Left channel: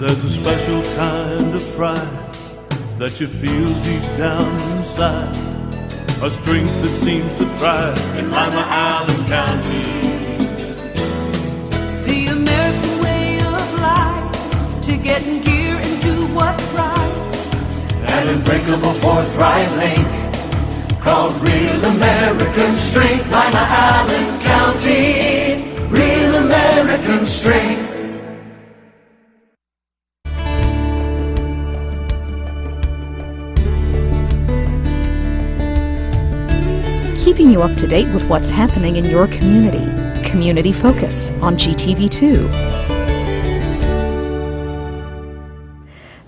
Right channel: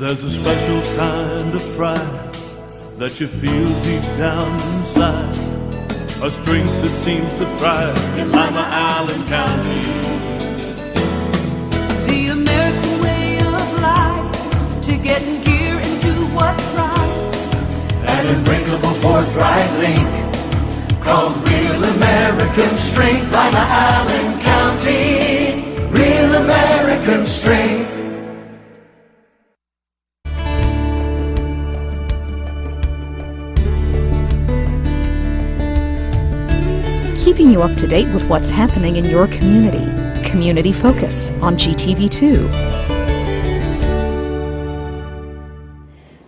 There's a special kind of pride that you feel deep down inside, a strength that seems to thrive in Lima, Allen County. The American way of life, to get in gear and do what's right. An unbreakable forthright link called real American strength. Lima, Allen County, real American strength. Keeping you up to date with what's happening in your community. Community Focus on GTV2.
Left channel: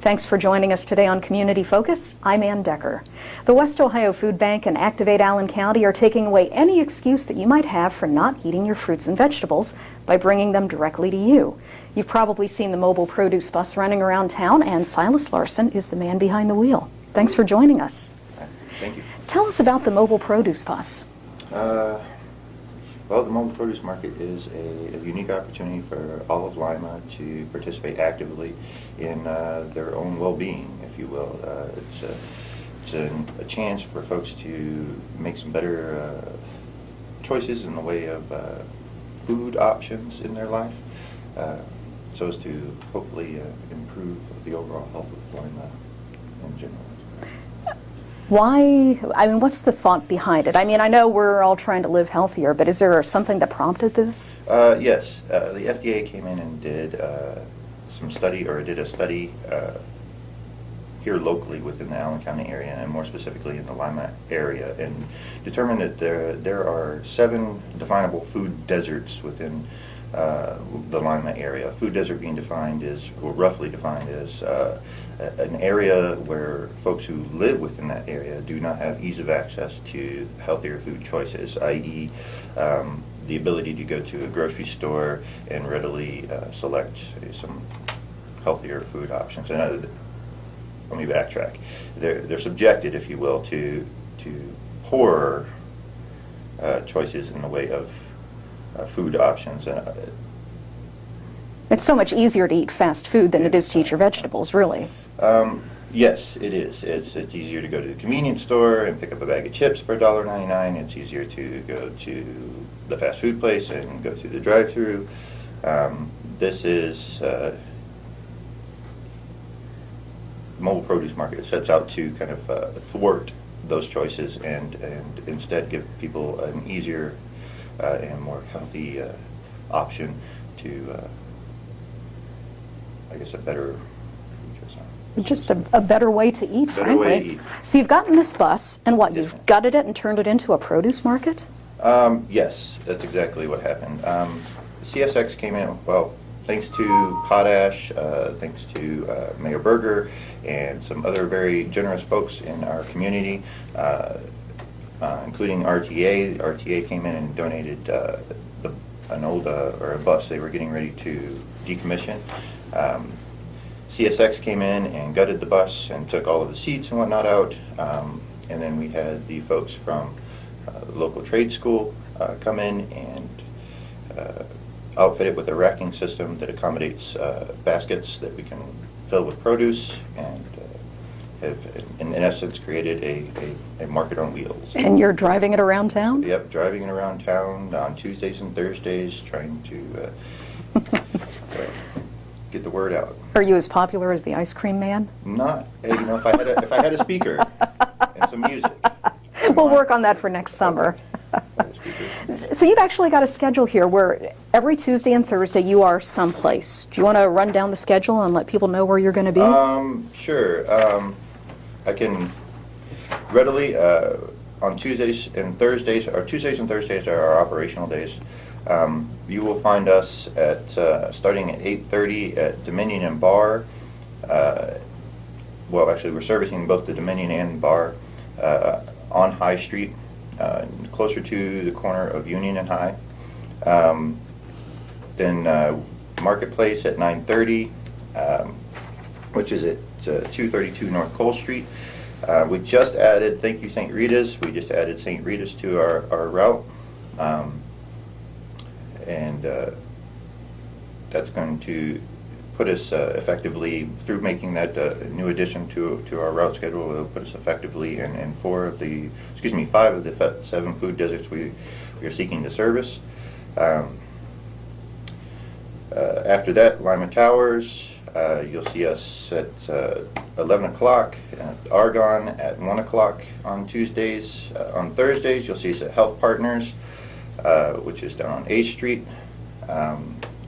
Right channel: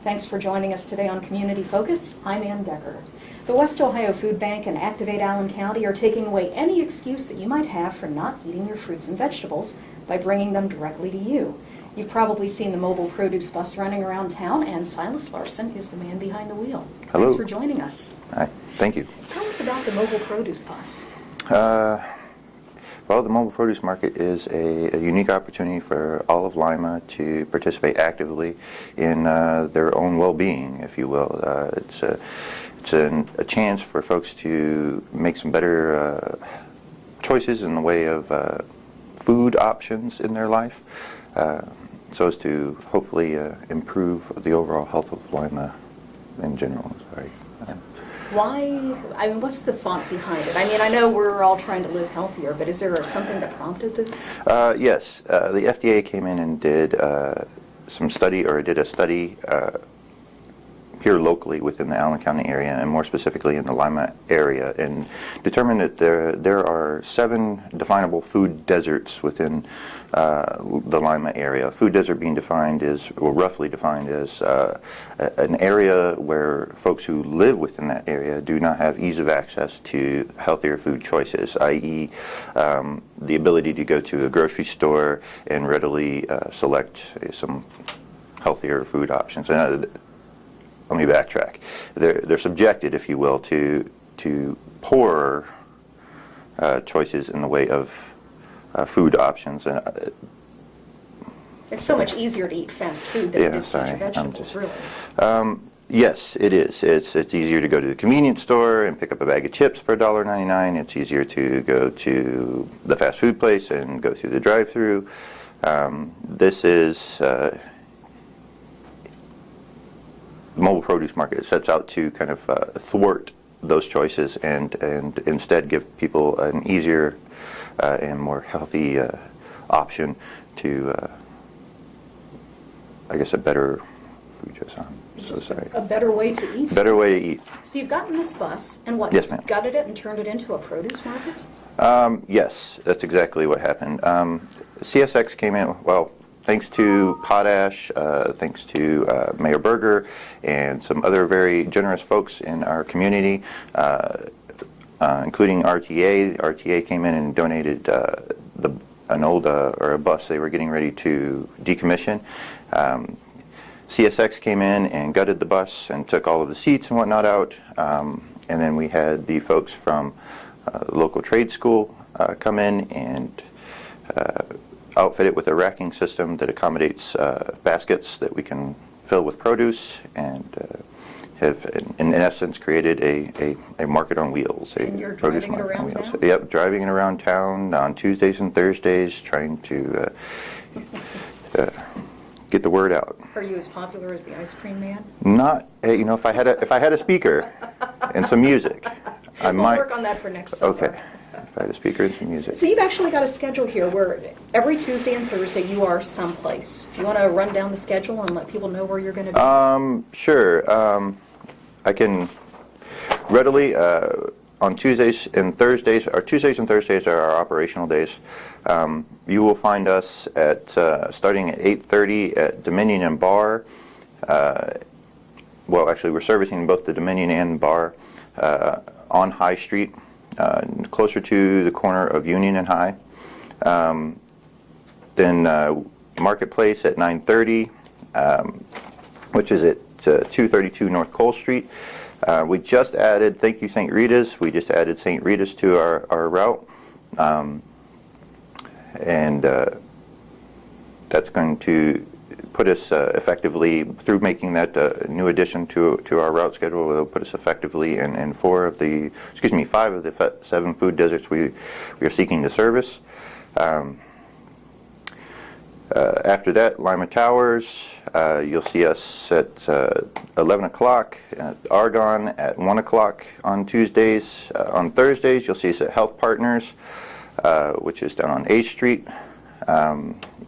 Thanks for joining us today on Community Focus. I'm Ann Decker. The West Ohio Food Bank and Activate Allen County are taking away any excuse that you might have for not eating your fruits and vegetables by bringing them directly to you. You've probably seen the mobile produce bus running around town, and Cyrus Larson is the man behind the wheel. Hello. Thanks for joining us. Hi, thank you. Tell us about the mobile produce bus. Well, the mobile produce market is a unique opportunity for all of Lima to participate actively in their own well-being, if you will. It's a chance for folks to make some better choices in the way of food options in their life, so as to hopefully improve the overall health of Lima in general. Right? Why, I mean, what's the thought behind it? I mean, I know we're all trying to live healthier, but is there something that prompted this? Yes, the FDA came in and did a study here locally within the Allen County area, and more specifically in the Lima area, and determined that there are 7 definable food deserts within the Lima area. Food desert being defined is, or roughly defined as, an area where folks who live within that area do not have ease of access to healthier food choices, i.e. The ability to go to a grocery store and readily select some healthier food options. Let me backtrack. They're subjected, if you will, to poorer choices in the way of food options. It's so much easier to eat fast food than it is to eat your vegetables, really. Yes, it is. It's easier to go to the convenience store and pick up a bag of chips for $1.99. It's easier to go to the fast food place and go through the drive-through. This is the mobile produce market sets out to kind of thwart those choices and instead give people an easier and more healthy option to, I guess, a better food choice on. Just a better way to eat. Better way to eat. So you've gotten this bus, and what, Yes, you've ma'am. gutted it and turned it into a produce market? Yes, that's exactly what happened. CSX came in, well, thanks to Potash, thanks to Mayor Berger, and some other very generous folks in our community, including RTA. RTA came in and donated an old or a bus they were getting ready to decommission. CSX came in and gutted the bus and took all of the seats and whatnot out, and then we had the folks from the local trade school come in and outfit it with a racking system that accommodates baskets that we can fill with produce, and have, in essence, created a market on wheels. And you're driving it around town? Yep, driving it around town on Tuesdays and Thursdays, trying to get the word out. Are you as popular as the ice cream man? Not, you know, if I had a speaker and some music, We'll work on that for next summer. Okay. If I had a speaker and some music. So you've actually got a schedule here where every Tuesday and Thursday you are someplace. Do you want to run down the schedule and let people know where you're going to be? Sure. I can readily, on Tuesdays and Thursdays, or Tuesdays and Thursdays are our operational days. You will find us at starting at 8:30 at Dominion and Bar. Well, actually, we're servicing both the Dominion and Bar on High Street, closer to the corner of Union and High. Then Marketplace at 9:30, which is at 232 North Cole Street. We just added, thank you St. Rita's, we just added St. Rita's to our route. And that's going to put us effectively, through making that new addition to our route schedule, it'll put us effectively in 5 of the 7 food deserts we are seeking to service. After that, Lima Towers, you'll see us at 11 o'clock, at Argonne at 1 o'clock on Tuesdays. On Thursdays, you'll see us at Health Partners, which is down on 8th Street.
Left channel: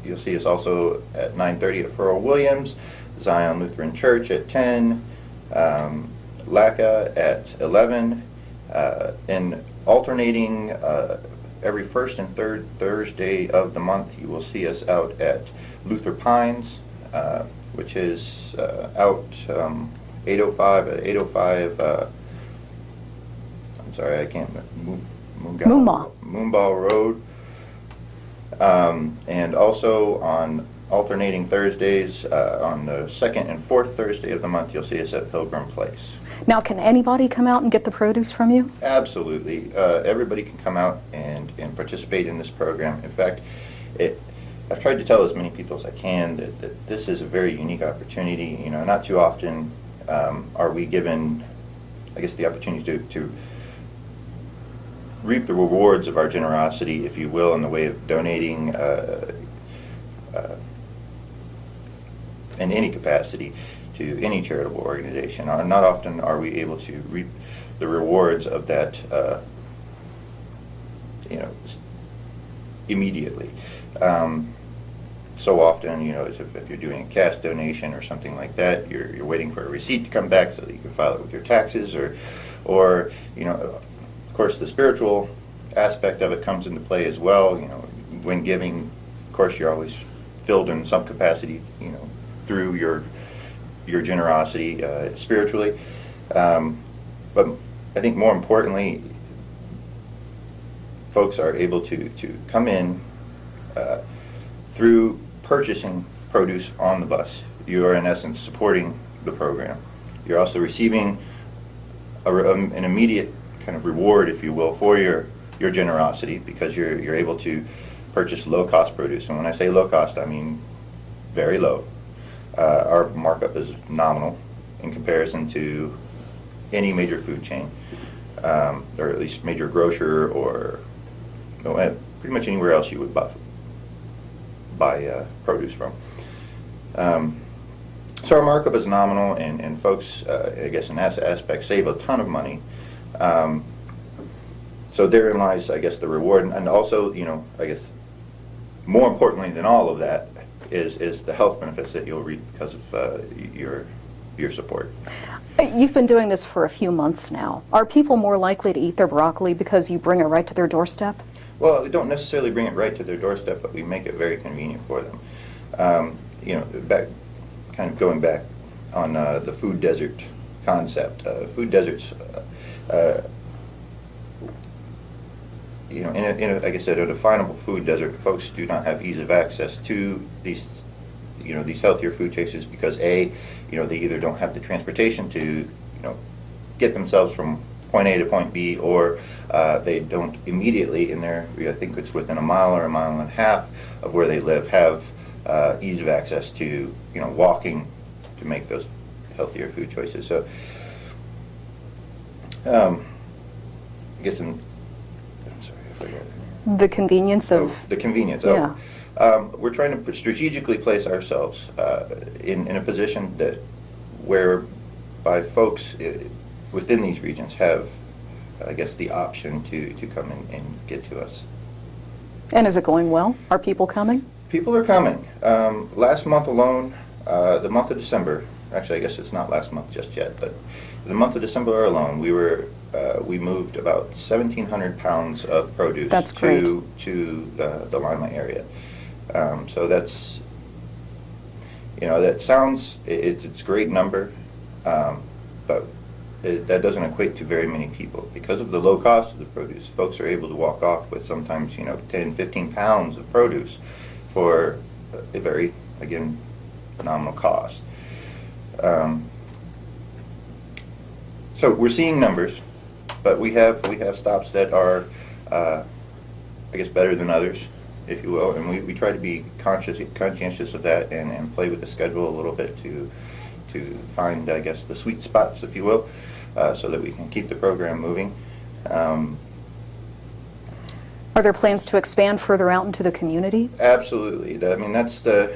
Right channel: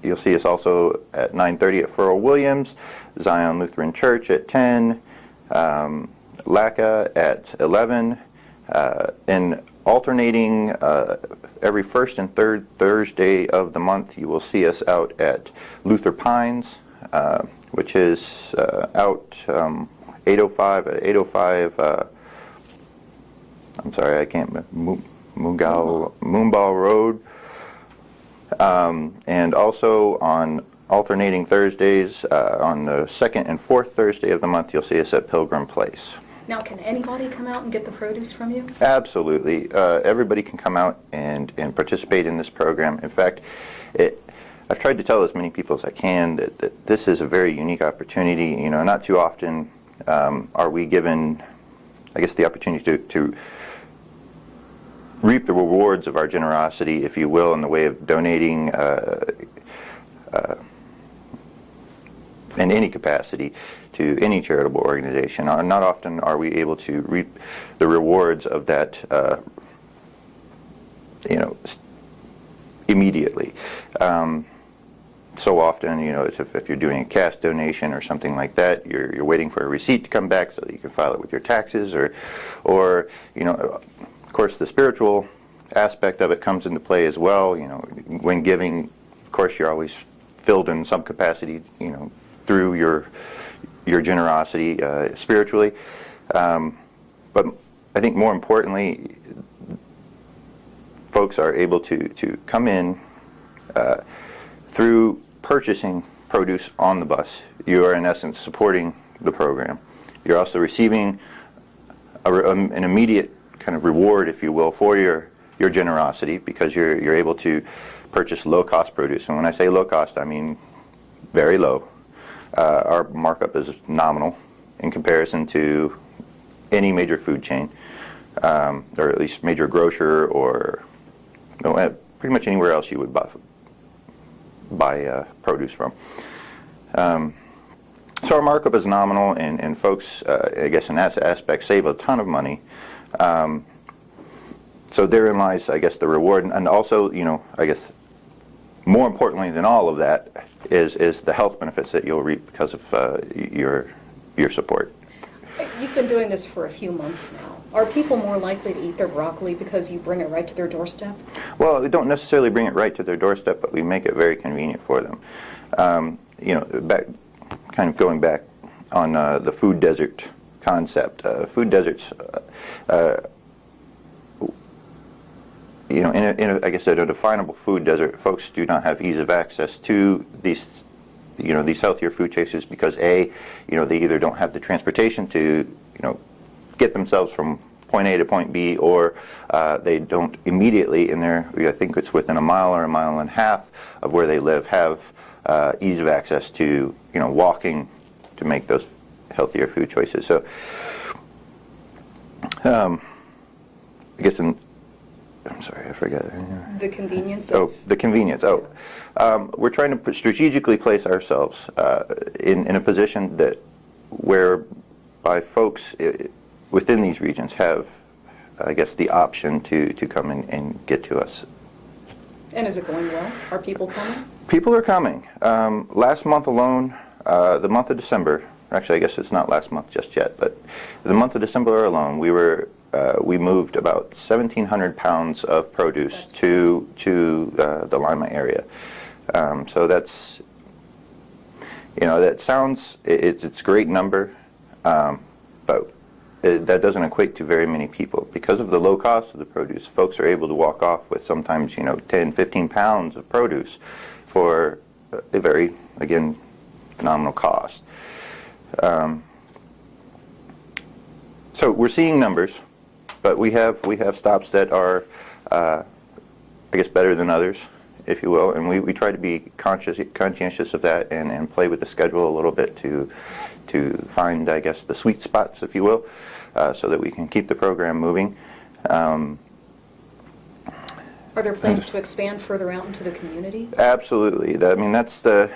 You'll see us also at 9:30 at Furl Williams, Zion Lutheran Church at 10, LACA at 11, and alternating every first and third Thursday of the month, you will see us out at Luther Pines, which is out 805, I'm sorry, I can't, Moomball Road. And also on alternating Thursdays, on the second and fourth Thursday of the month, you'll see us at Pilgrim Place. Now, can anybody come out and get the produce from you? Absolutely. Everybody can come out and participate in this program. In fact, I've tried to tell as many people as I can that this is a very unique opportunity. You know, not too often are we given, I guess, the opportunity to reap the rewards of our generosity, if you will, in the way of donating in any capacity to any charitable organization. Not often are we able to reap the rewards of that, immediately. So often, if you're doing a cash donation or something like that, you're waiting for a receipt to come back so that you can file it with your taxes, or of course, the spiritual aspect of it comes into play as well. When giving, of course, you're always filled in some capacity, through your generosity spiritually. But I think more importantly, folks are able to come in through purchasing produce on the bus. You are, in essence, supporting the program. You're also receiving an immediate kind of reward, if you will, for your generosity, because you're able to purchase low-cost produce. And when I say low cost, I mean very low. Our markup is nominal in comparison to any major food chain, or at least major grocer, or pretty much anywhere else you would buy produce from. So our markup is nominal, and folks, I guess in that aspect, save a ton of money. So therein lies, I guess, the reward, and also, I guess, more importantly than all of that is the health benefits that you'll reap because of your support. You've been doing this for a few months now. Are people more likely to eat their broccoli because you bring it right to their doorstep? Well, we don't necessarily bring it right to their doorstep, but we make it very convenient for them. Going back on the food desert concept. Food deserts, I guess in a definable food desert, folks do not have ease of access to these healthier food choices because they either don't have the transportation to, get themselves from point A to point B, or they don't immediately I think it's within a mile or a mile and a half of where they live, have ease of access to, walking to make those healthier food choices. So, I guess I'm sorry, I forgot. The convenience of... the convenience. Yeah. We're trying to strategically place ourselves in a position whereby folks within these regions have, I guess, the option to come in and get to us. And is it going well? Are people coming? People are coming. Last month alone, the month of December, actually I guess it's not last month just yet, but the month of December alone, we moved about 1,700 pounds of produce to the Lima area. So that's, that sounds, it's a great number, but that doesn't equate to very many people. Because of the low cost of the produce, folks are able to walk off with sometimes, 10, 15 pounds of produce for a very, again, nominal cost. So we're seeing numbers, but we have stops that are, I guess, better than others if you will, and we try to be conscientious of that and play with the schedule a little bit to find, I guess, the sweet spots, if you will, so that we can keep the program moving. Are there plans to expand further out into the community? Absolutely. I mean, that's the.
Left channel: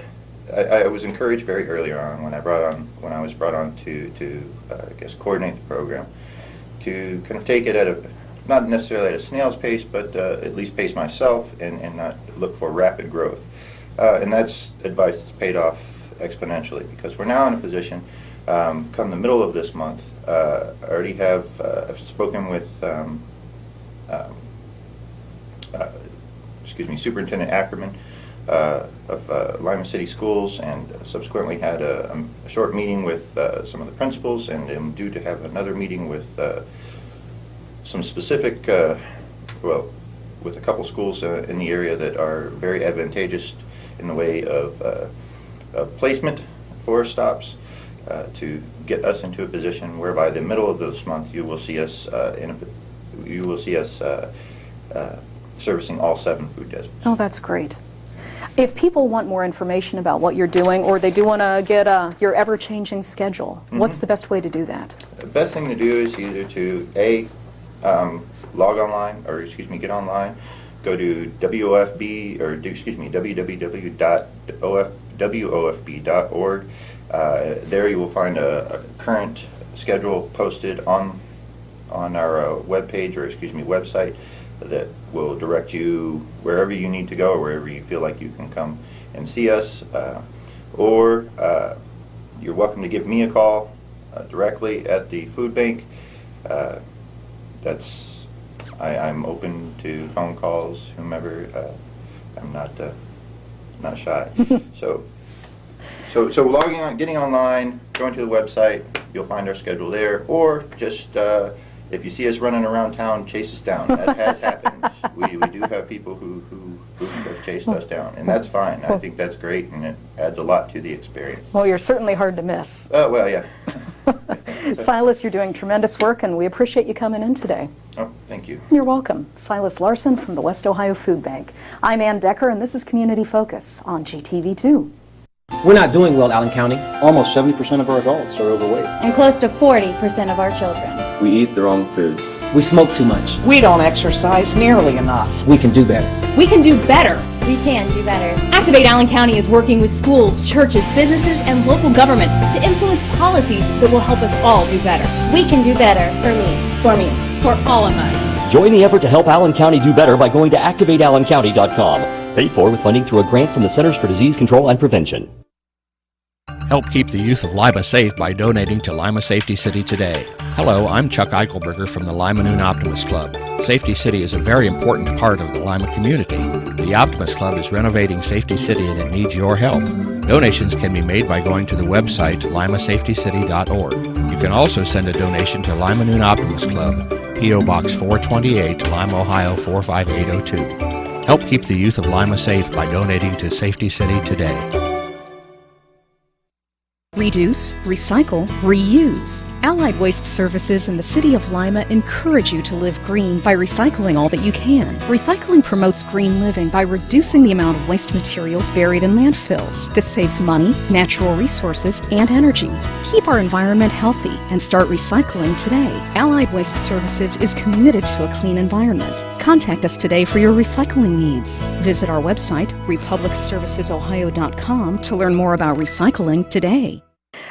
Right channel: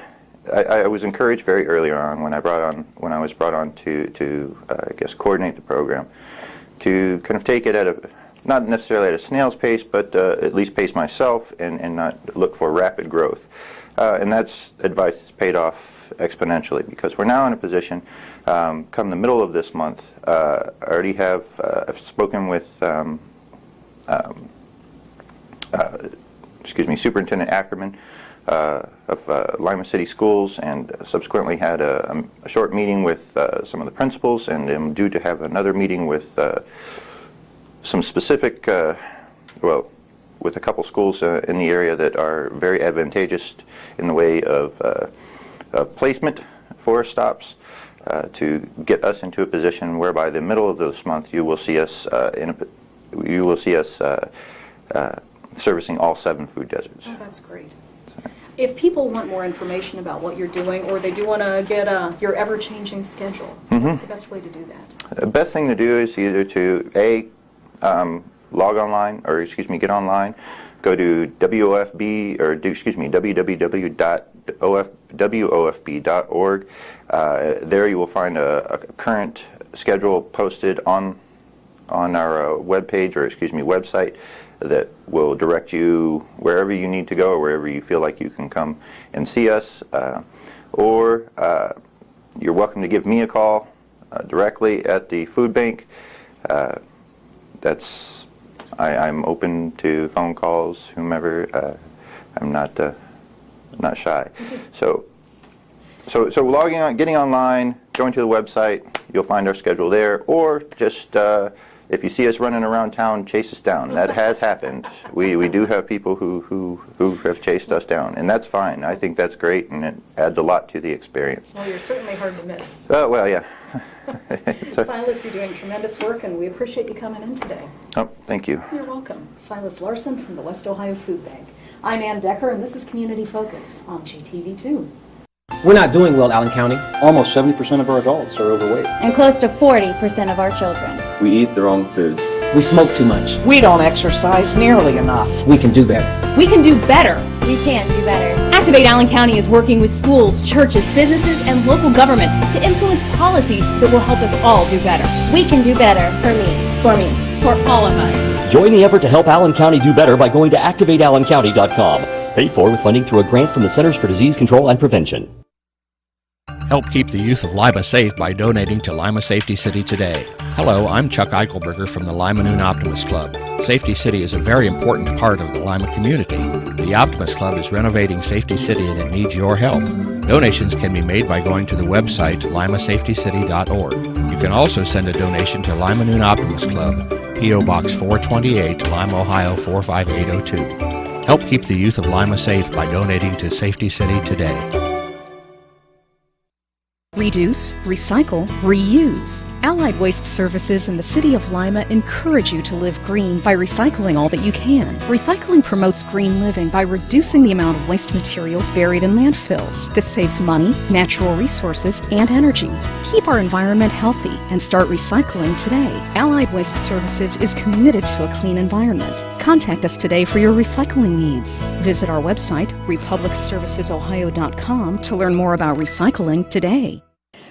I was encouraged very early on when I was brought on to I guess coordinate the program, to kind of take it at not necessarily at a snail's pace, but at least pace myself and not look for rapid growth. And that's advice that's paid off exponentially, because we're now in a position, come the middle of this month, I already have I've spoken with Superintendent Ackerman of Lima City Schools, and subsequently had a short meeting with some of the principals, and am due to have another meeting with some specific, with a couple schools in the area that are very advantageous in the way of placement for stops, to get us into a position where by the middle of this month you will see us servicing all 7 food deserts. Oh, that's great. If people want more information about what you're doing, or they do want to get your ever-changing schedule, what's the best way to do that? The best thing to do is either to log online, or get online, go to www.wofb.org. There you will find a current schedule posted on our website that will direct you wherever you need to go, or wherever you feel like you can come and see us, or you're welcome to give me a call directly at the food bank. I'm open to phone calls, whomever. I'm not shy. So logging on, getting online, going to the website, you'll find our schedule there, or just if you see us running around town, chase us down. That has happened. We do have people who have chased us down, and that's fine. I think that's great, and it adds a lot to the experience. Well, you're certainly hard to miss. Oh, well, yeah. Silas, you're doing tremendous work, and we appreciate you coming in today. Oh, thank you. You're welcome. Silas Larson from the West Ohio Food Bank. I'm Ann Decker, and this is Community Focus on GTV2. We're not doing well, Allen County. Almost 70% of our adults are overweight. And close to 40% of our children. We eat the wrong foods. We smoke too much. We don't exercise nearly enough. We can do better. We can do better. We can do better. Activate Allen County is working with schools, churches, businesses, and local government to influence policies that will help us all do better. We can do better. For me. For all of us. Join the effort to help Allen County do better by going to activateallencounty.com. Paid for with funding through a grant from the Centers for Disease Control and Prevention. Help keep the youth of Lima safe by donating to Lima Safety City today. Hello, I'm Chuck Eichelberger from the Lima Noon Optimist Club. Safety City is a very important part of the Lima community. The Optimist Club is renovating Safety City and it needs your help. Donations can be made by going to the website limasafetycity.org. You can also send a donation to Lima Noon Optimist Club, P.O. Box 428, Lima, Ohio 45802. Help keep the youth of Lima safe by donating to Safety City today. Reduce, recycle, reuse. Allied Waste Services in the City of Lima encourage you to live green by recycling all that you can. Recycling promotes green living by reducing the amount of waste materials buried in landfills. This saves money, natural resources, and energy. Keep our environment healthy and start recycling today. Allied Waste Services is committed to a clean environment. Contact us today for your recycling needs. Visit our website, republicservicesohio.com, to learn more about recycling today.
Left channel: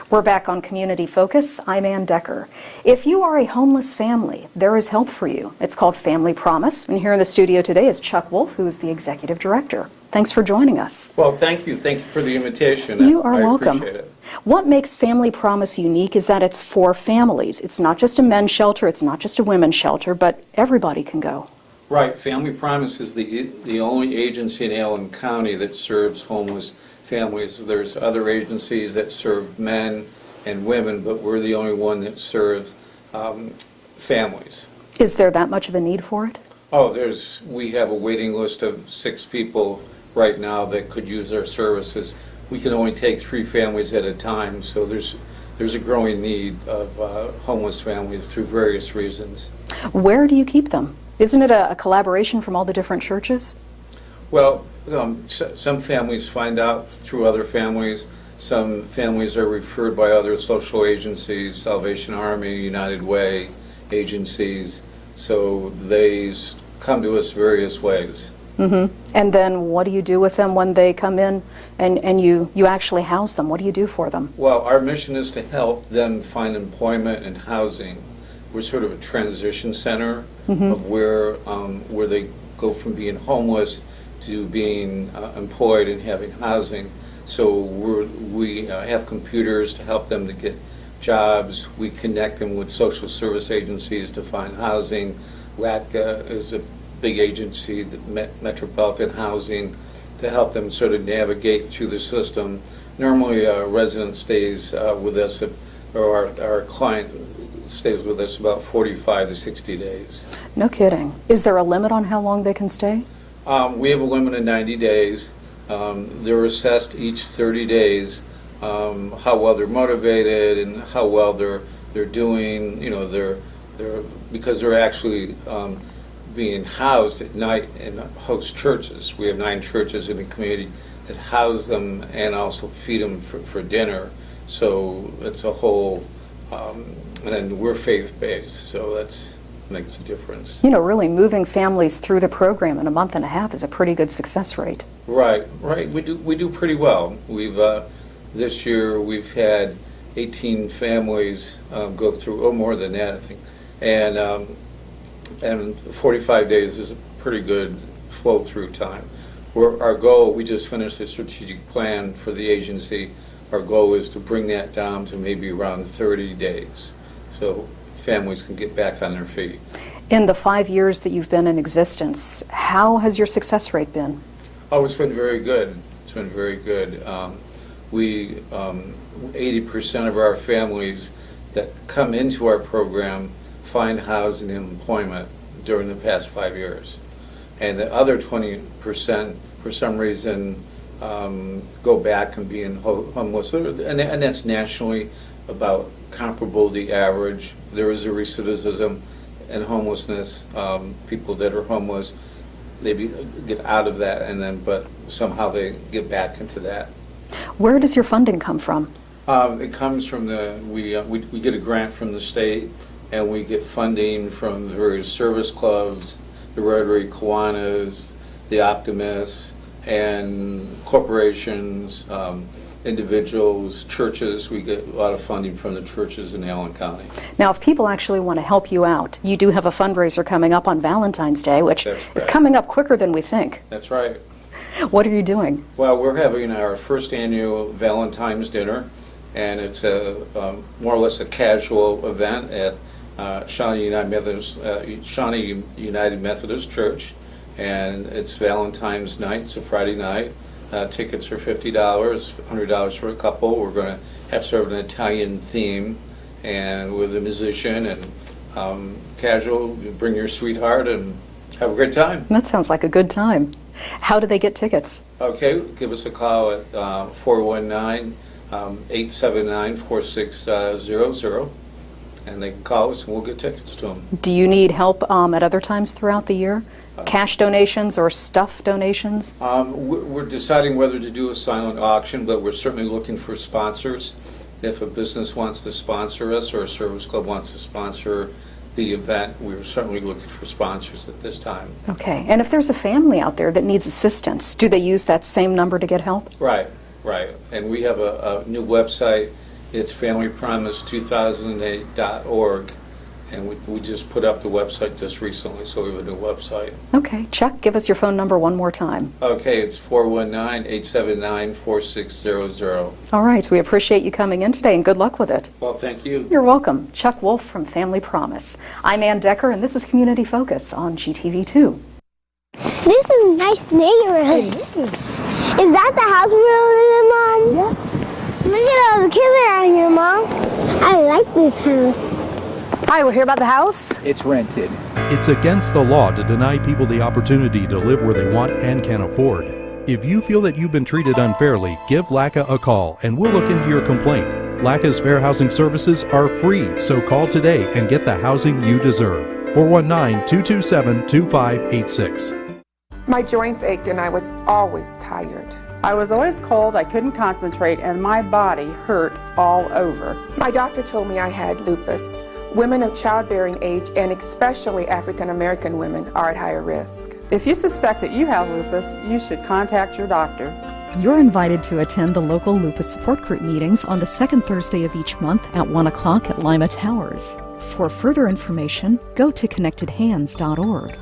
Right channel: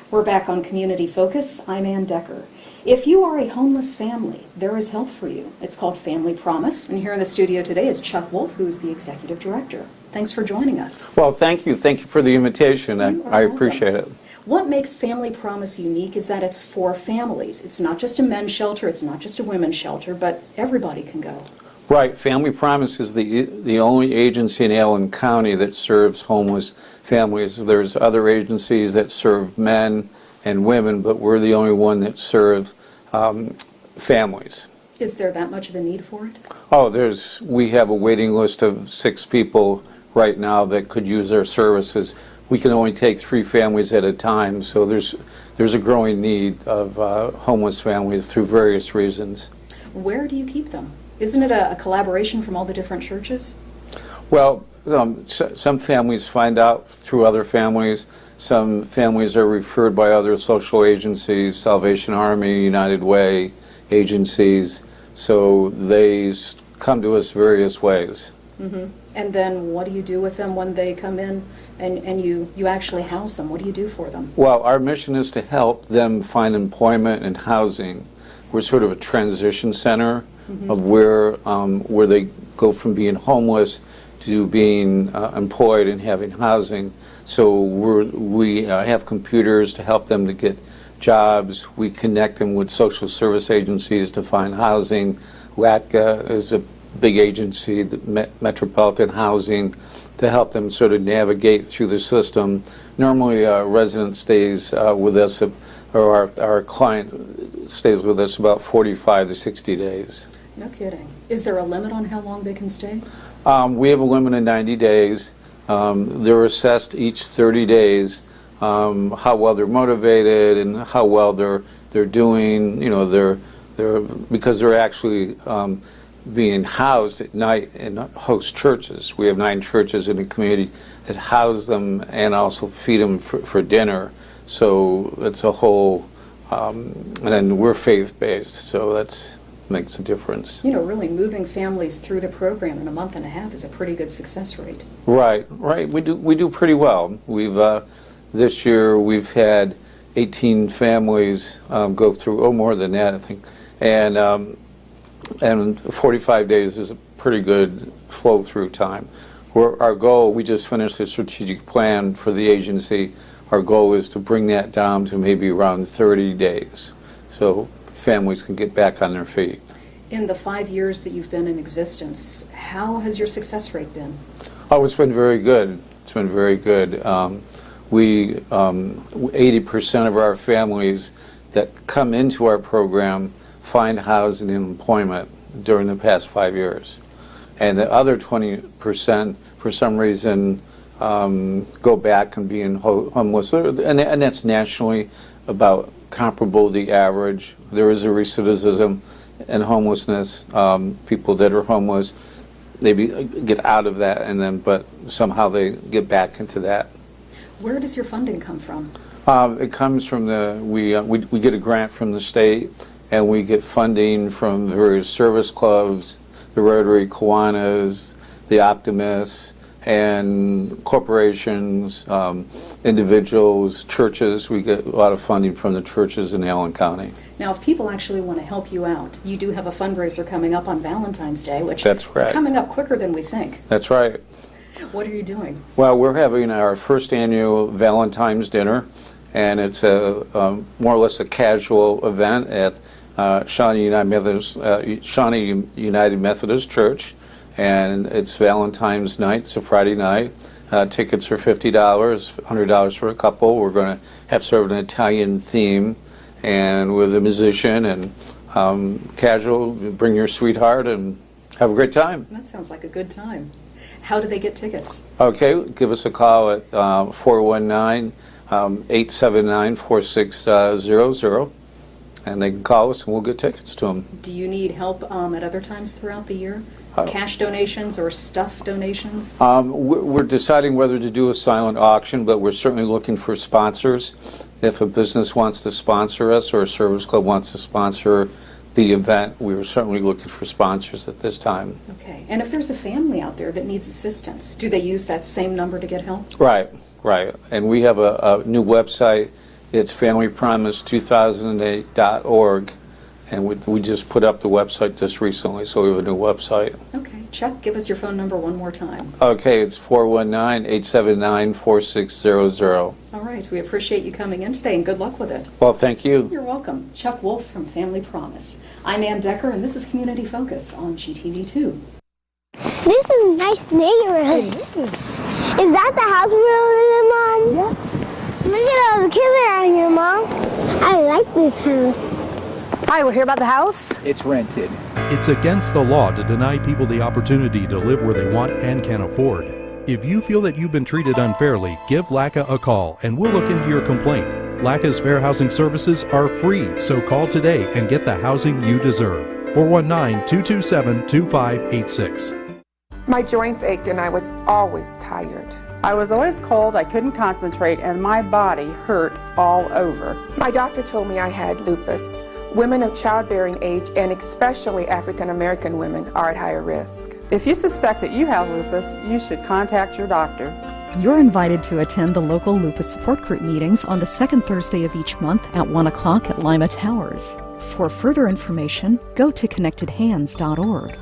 We're back on Community Focus. I'm Ann Decker. If you are a homeless family, there is help for you. It's called Family Promise, and here in the studio today is Chuck Wolfe, who's the Executive Director. Thanks for joining us. Well, thank you. Thank you for the invitation. You are welcome. I appreciate it. What makes Family Promise unique is that it's for families. It's not just a men's shelter, it's not just a women's shelter, but everybody can go. Right. Family Promise is the only agency in Allen County that serves homeless families. There's other agencies that serve men and women, but we're the only one that serves families. Is there that much of a need for it? Oh, we have a waiting list of 6 people right now that could use our services. We can only take 3 families at a time, so there's a growing need of homeless families through various reasons. Where do you keep them? Isn't it a collaboration from all the different churches? Well, some families find out through other families. Some families are referred by other social agencies, Salvation Army, United Way agencies. So they come to us various ways. Mm-hmm. And then what do you do with them when they come in and you actually house them? What do you do for them? Well, our mission is to help them find employment and housing. We're sort of a transition center of where they go from being homeless to being employed and having housing. So we have computers to help them to get jobs. We connect them with social service agencies to find housing. WATCA is a big agency, the Metropolitan Housing, to help them sort of navigate through the system. Normally a resident stays with us, or our client stays with us about 45 to 60 days. No kidding. Is there a limit on how long they can stay? We have a limit of 90 days. They're assessed each 30 days, how well they're motivated and how well they're doing. You know, because they're actually being housed at night in host churches. We have 9 churches in the community that house them and also feed them for dinner. So it's a whole, and then we're faith-based, so that makes a difference. You know, really moving families through the program in a month and a half is a pretty good success rate. Right. We do pretty well. We've this year we've had 18 families go through, more than that, I think, and 45 days is a pretty good flow-through time. Our goal, we just finished a strategic plan for the agency. Our goal is to bring that down to maybe around 30 days, so families can get back on their feet. In the 5 years that you've been in existence, how has your success rate been? Oh, it's been very good. It's been very good. 80% of our families that come into our program find housing and employment during the past 5 years. And the other 20%, for some reason, go back and be homeless. And that's nationally about comparable to the average. There is a recidivism in homelessness. People that are homeless, they get out of that, but somehow they get back into that. Where does your funding come from? It comes from we get a grant from the state, and we get funding from various service clubs, the Rotary Kiwanis, the Optimists, and corporations, individuals, churches. We get a lot of funding from the churches in Allen County. Now, if people actually want to help you out, you do have a fundraiser coming up on Valentine's Day, which is coming up quicker than we think. That's right. What are you doing? Well, we're having our first annual Valentine's dinner, and it's more or less a casual event at Shawnee United Methodist Church, and it's Valentine's night. It's a Friday night. Tickets are $50, $100 for a couple. We're going to have sort of an Italian theme, and with a musician and casual. Bring your sweetheart and have a great time. That sounds like a good time. How do they get tickets? Okay, give us a call at 419-879-4600, and they can call us and we'll get tickets to them. Do you need help at other times throughout the year? Cash donations or stuff donations? We're deciding whether to do a silent auction, but we're certainly looking for sponsors. If a business wants to sponsor us or a service club wants to sponsor the event, we were certainly looking for sponsors at this time. Okay, and if there's a family out there that needs assistance, do they use that same number to get help? Right. And we have a new website. It's familypromise2008.org, and we just put up the website just recently, so we have a new website. Okay, Chuck, give us your phone number one more time. Okay, it's 419-879-4600. All right, we appreciate you coming in today, and good luck with it. Well, thank you. You're welcome. Chuck Wolfe from Family Promise. I'm Ann Decker, and this is Community Focus on GTV2. This is a nice neighborhood. It is. Is that the house we live in, Mom? Yes. Look at all the kids around here, Mom. I like this house. Hi, we're here about the house. It's rented. It's against the law to deny people the opportunity to live where they want and can afford. If you feel that you've been treated unfairly, give LACA a call and we'll look into your complaint. LACA's fair housing services are free, so call today and get the housing you deserve. 419-227-2586. My joints ached and I was always tired. I was always cold, I couldn't concentrate, and my body hurt all over. My doctor told me I had lupus. Women of childbearing age, and especially African American women, are at higher risk. If you suspect that you have lupus, you should contact your doctor. You're invited to attend the local lupus support group meetings on the second Thursday of each month at 1 o'clock at Lima Towers. For further information, go to connectedhands.org.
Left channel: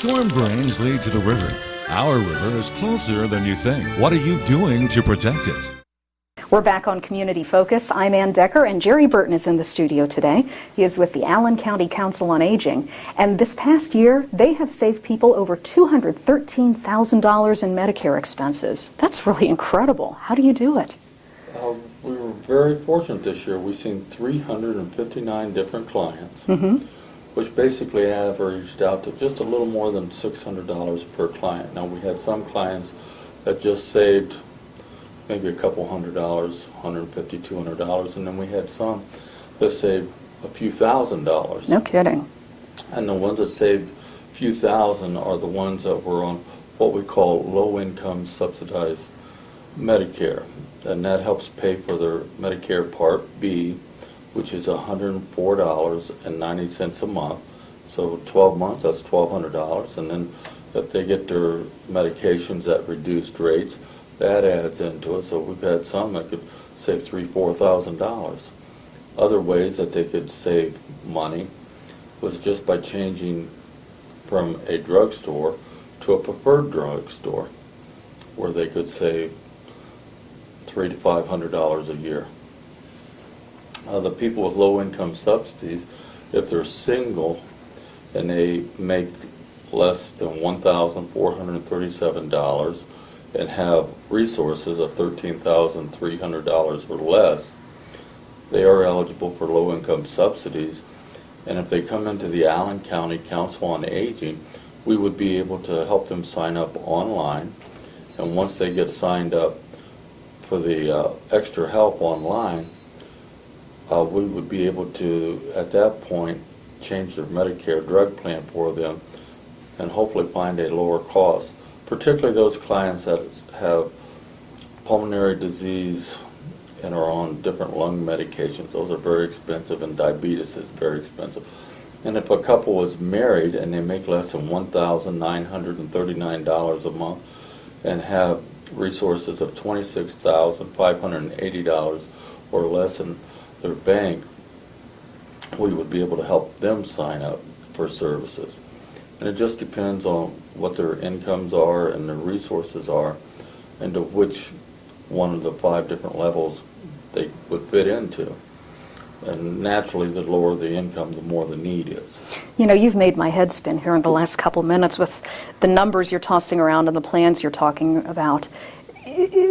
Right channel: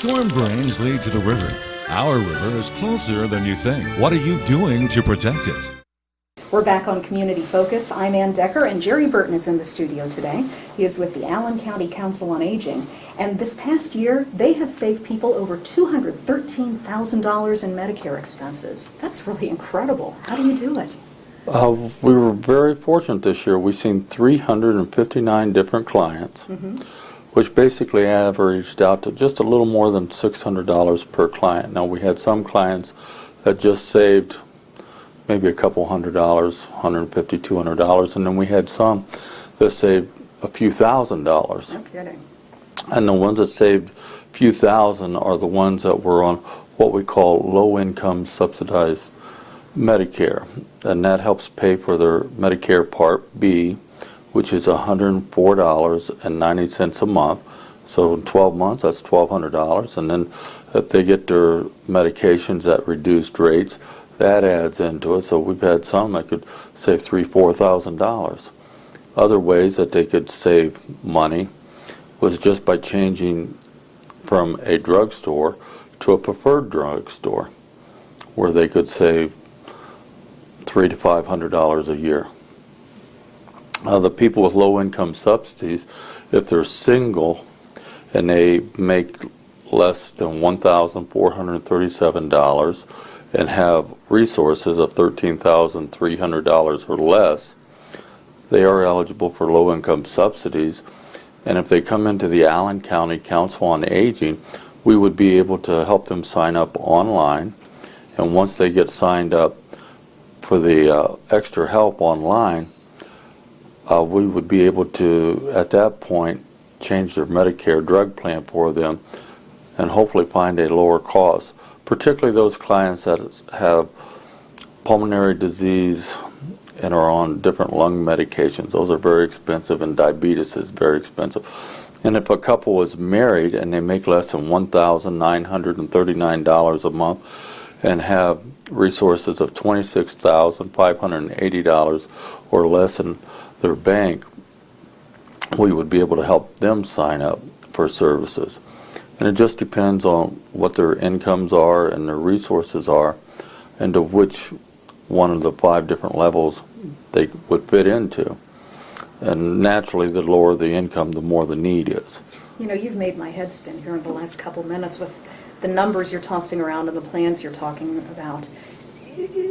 Storm drains lead to the river. Our river is closer than you think. What are you doing to protect it? We're back on Community Focus. I'm Ann Decker, and Gerry Burton is in the studio today. He is with the Allen County Council on Aging. And this past year, they have saved people over $213,000 in Medicare expenses. That's really incredible. How do you do it? We were very fortunate this year. We've seen 359 different clients. Which basically averaged out to just a little more than $600 per client. Now, we had some clients that just saved maybe a couple $100, $150, $200, and then we had some that saved a few $1,000s. No kidding. And the ones that saved a few thousand are the ones that were on what we call low-income subsidized Medicare, and that helps pay for their Medicare Part B, which is $104.90 a month. So in 12 months, that's $1,200. And then if they get their medications at reduced rates, that adds into it. So we've had some that could save $3,000, $4,000. Other ways that they could save money was just by changing from a drugstore to a preferred drugstore, where they could save $300 to $500 a year. The people with low-income subsidies, if they're single and they make less than $1,437 and have resources of $13,300 or less, they are eligible for low-income subsidies. And if they come into the Allen County Council on Aging, we would be able to help them sign up online. And once they get signed up for the extra help online, we would be able to, at that point, change their Medicare drug plan for them and hopefully find a lower cost, particularly those clients that have pulmonary disease and are on different lung medications. Those are very expensive, and diabetes is very expensive. And if a couple is married and they make less than $1,939 a month and have resources of $26,580 or less in their bank, we would be able to help them sign up for services. And it just depends on what their incomes are and their resources are, and to which one of the 5 different levels they would fit into. And naturally, the lower the income, the more the need is. You know, you've made my head spin here in the last couple minutes with the numbers you're tossing around and the plans you're talking about.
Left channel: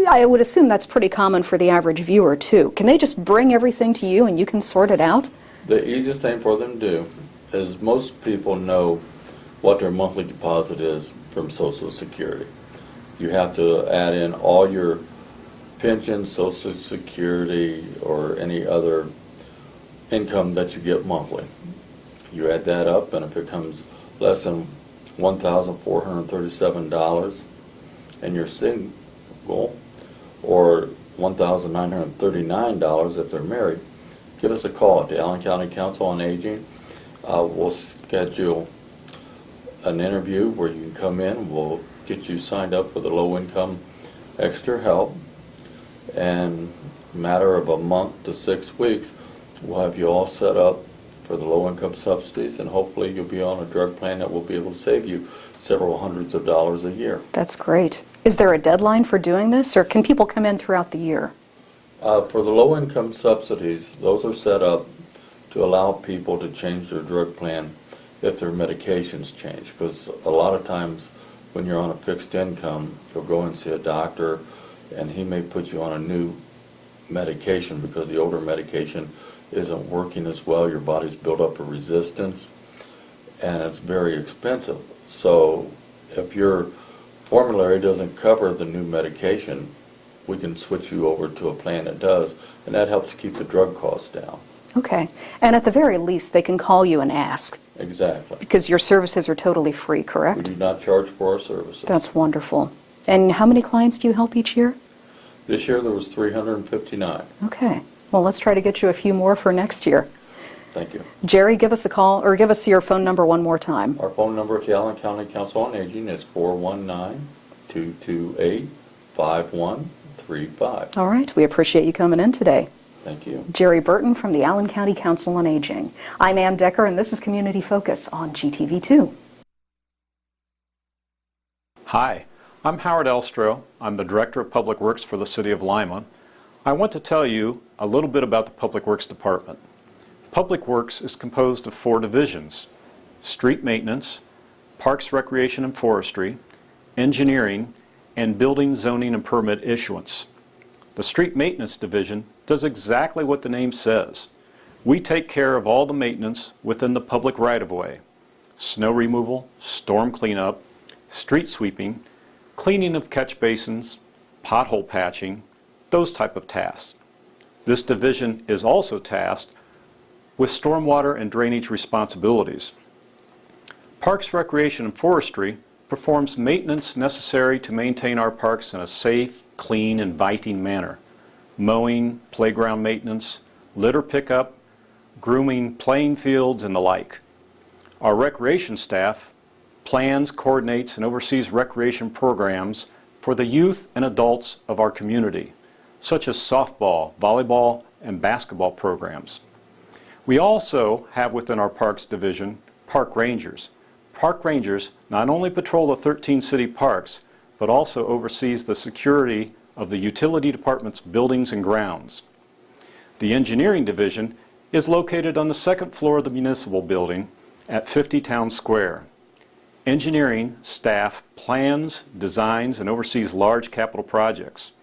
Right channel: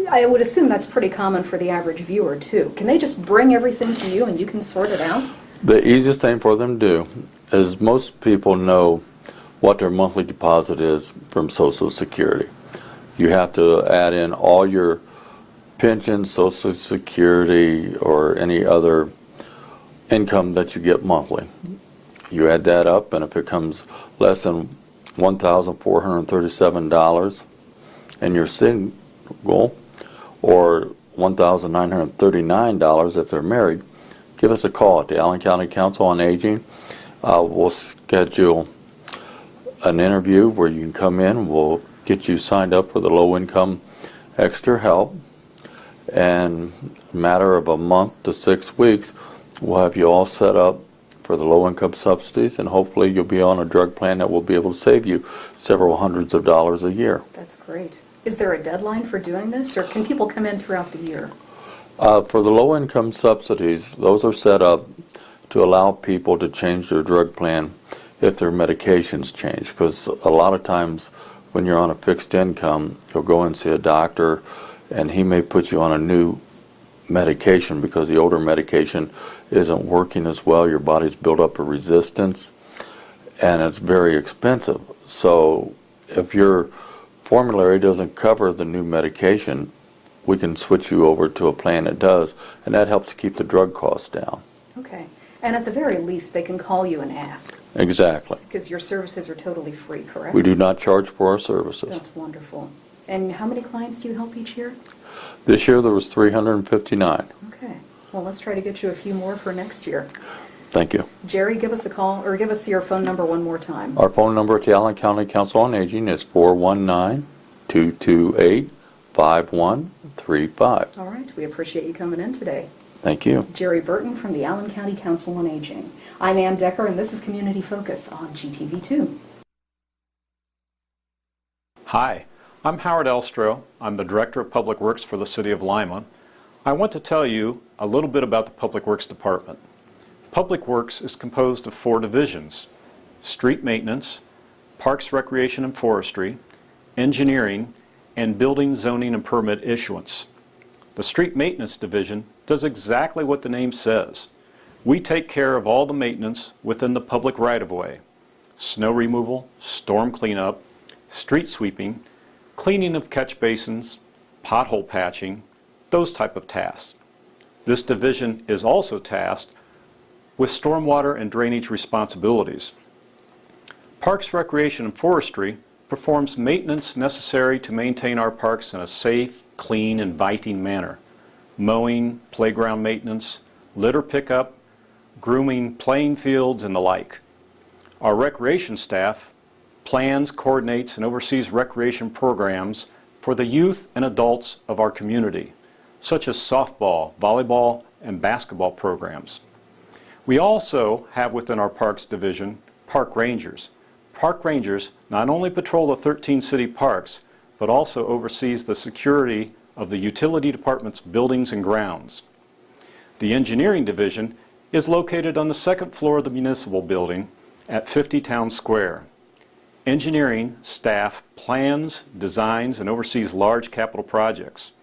I would assume that's pretty common for the average viewer, too. Can they just bring everything to you and you can sort it out? The easiest thing for them to do is, most people know what their monthly deposit is from Social Security. You have to add in all your pension, Social Security, or any other income that you get monthly. You add that up, and if it comes less than $1,437 and you're single, or $1,939 if they're married, give us a call at the Allen County Council on Aging. We'll schedule an interview where you can come in. We'll get you signed up for the low-income extra help. And in a matter of a month to 6 weeks, we'll have you all set up for the low-income subsidies, and hopefully you'll be on a drug plan that will be able to save you several hundreds of dollars a year. That's great. Is there a deadline for doing this, or can people come in throughout the year? For the low-income subsidies, those are set up to allow people to change their drug plan if their medications change, because a lot of times when you're on a fixed income, you'll go and see a doctor and he may put you on a new medication because the older medication isn't working as well. Your body's built up a resistance, and it's very expensive. So if your formulary doesn't cover the new medication, we can switch you over to a plan that does, and that helps keep the drug costs down. Okay. And at the very least, they can call you and ask. Exactly. Because your services are totally free, correct? We do not charge for our services. That's wonderful. And how many clients do you help each year? This year there was 359. Okay. Well, let's try to get you a few more for next year. Thank you. Jerry, give us a call, or give us your phone number one more time. Our phone number at the Allen County Council on Aging is 419-228-5135. All right. We appreciate you coming in today. Thank you. Gerry Burton from the Allen County Council on Aging. I'm Ann Decker, and this is Community Focus on GTV2. Hi, I'm Howard Elstro. I'm the Director of Public Works for the City of Lima. I want to tell you a little bit about the Public Works Department. Public Works is composed of 4 divisions: street maintenance, parks, recreation and forestry, engineering, and building, zoning, and permit issuance. The street maintenance division does exactly what the name says. We take care of all the maintenance within the public right-of-way: snow removal, storm cleanup, street sweeping, cleaning of catch basins, pothole patching, those type of tasks. This division is also tasked with stormwater and drainage responsibilities. Parks, Recreation, and Forestry performs maintenance necessary to maintain our parks in a safe, clean, inviting manner: mowing, playground maintenance, litter pickup, grooming playing fields, and the like. Our recreation staff plans, coordinates, and oversees recreation programs for the youth and adults of our community, such as softball, volleyball, and basketball programs. We also have within our Parks Division park rangers. Park rangers not only patrol the 13 city parks, but also oversees the security of the utility department's buildings and grounds. The engineering division is located on the 2nd floor of the municipal building at 50 Town Square. Engineering staff plans, designs, and oversees large capital projects.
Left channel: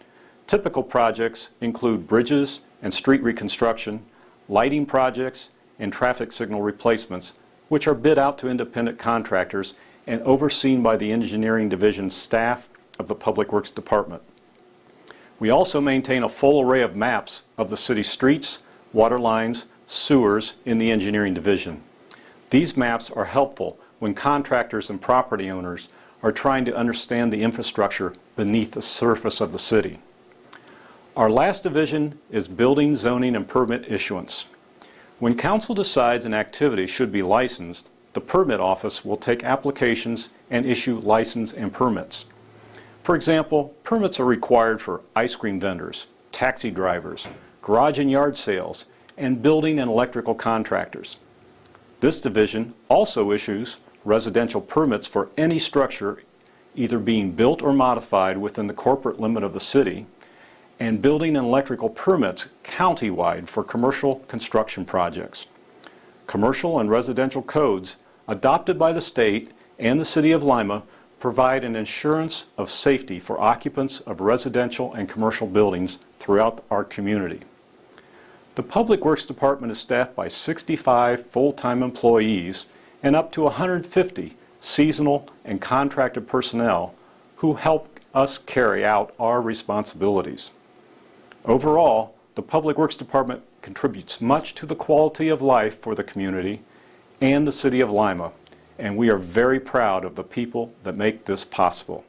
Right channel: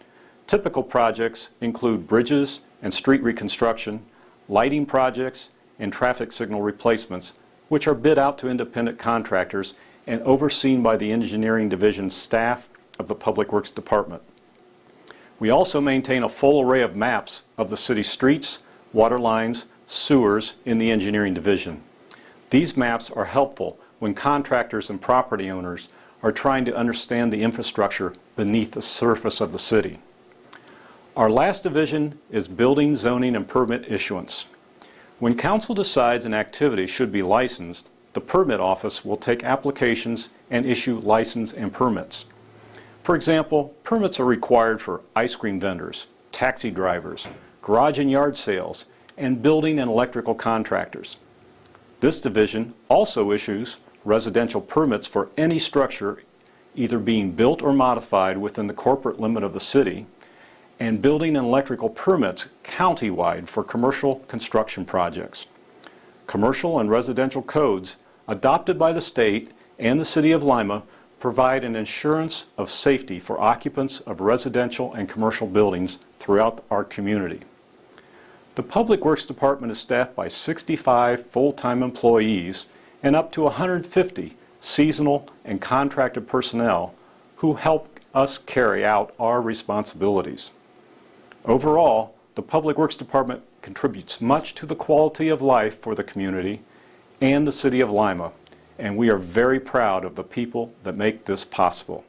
Typical projects include bridges and street reconstruction, lighting projects, and traffic signal replacements, which are bid out to independent contractors and overseen by the engineering division staff of the Public Works Department. We also maintain a full array of maps of the city streets, water lines, sewers in the engineering division. These maps are helpful when contractors and property owners are trying to understand the infrastructure beneath the surface of the city. Our last division is building, zoning, and permit issuance. When council decides an activity should be licensed, the permit office will take applications and issue license and permits. For example, permits are required for ice cream vendors, taxi drivers, garage and yard sales, and building and electrical contractors. This division also issues residential permits for any structure either being built or modified within the corporate limit of the city, and building and electrical permits countywide for commercial construction projects. Commercial and residential codes adopted by the state and the City of Lima provide an assurance of safety for occupants of residential and commercial buildings throughout our community. The Public Works Department is staffed by 65 full-time employees and up to 150 seasonal and contracted personnel who help us carry out our responsibilities. Overall, the Public Works Department contributes much to the quality of life for the community and the City of Lima, and we are very proud of the people that make this possible.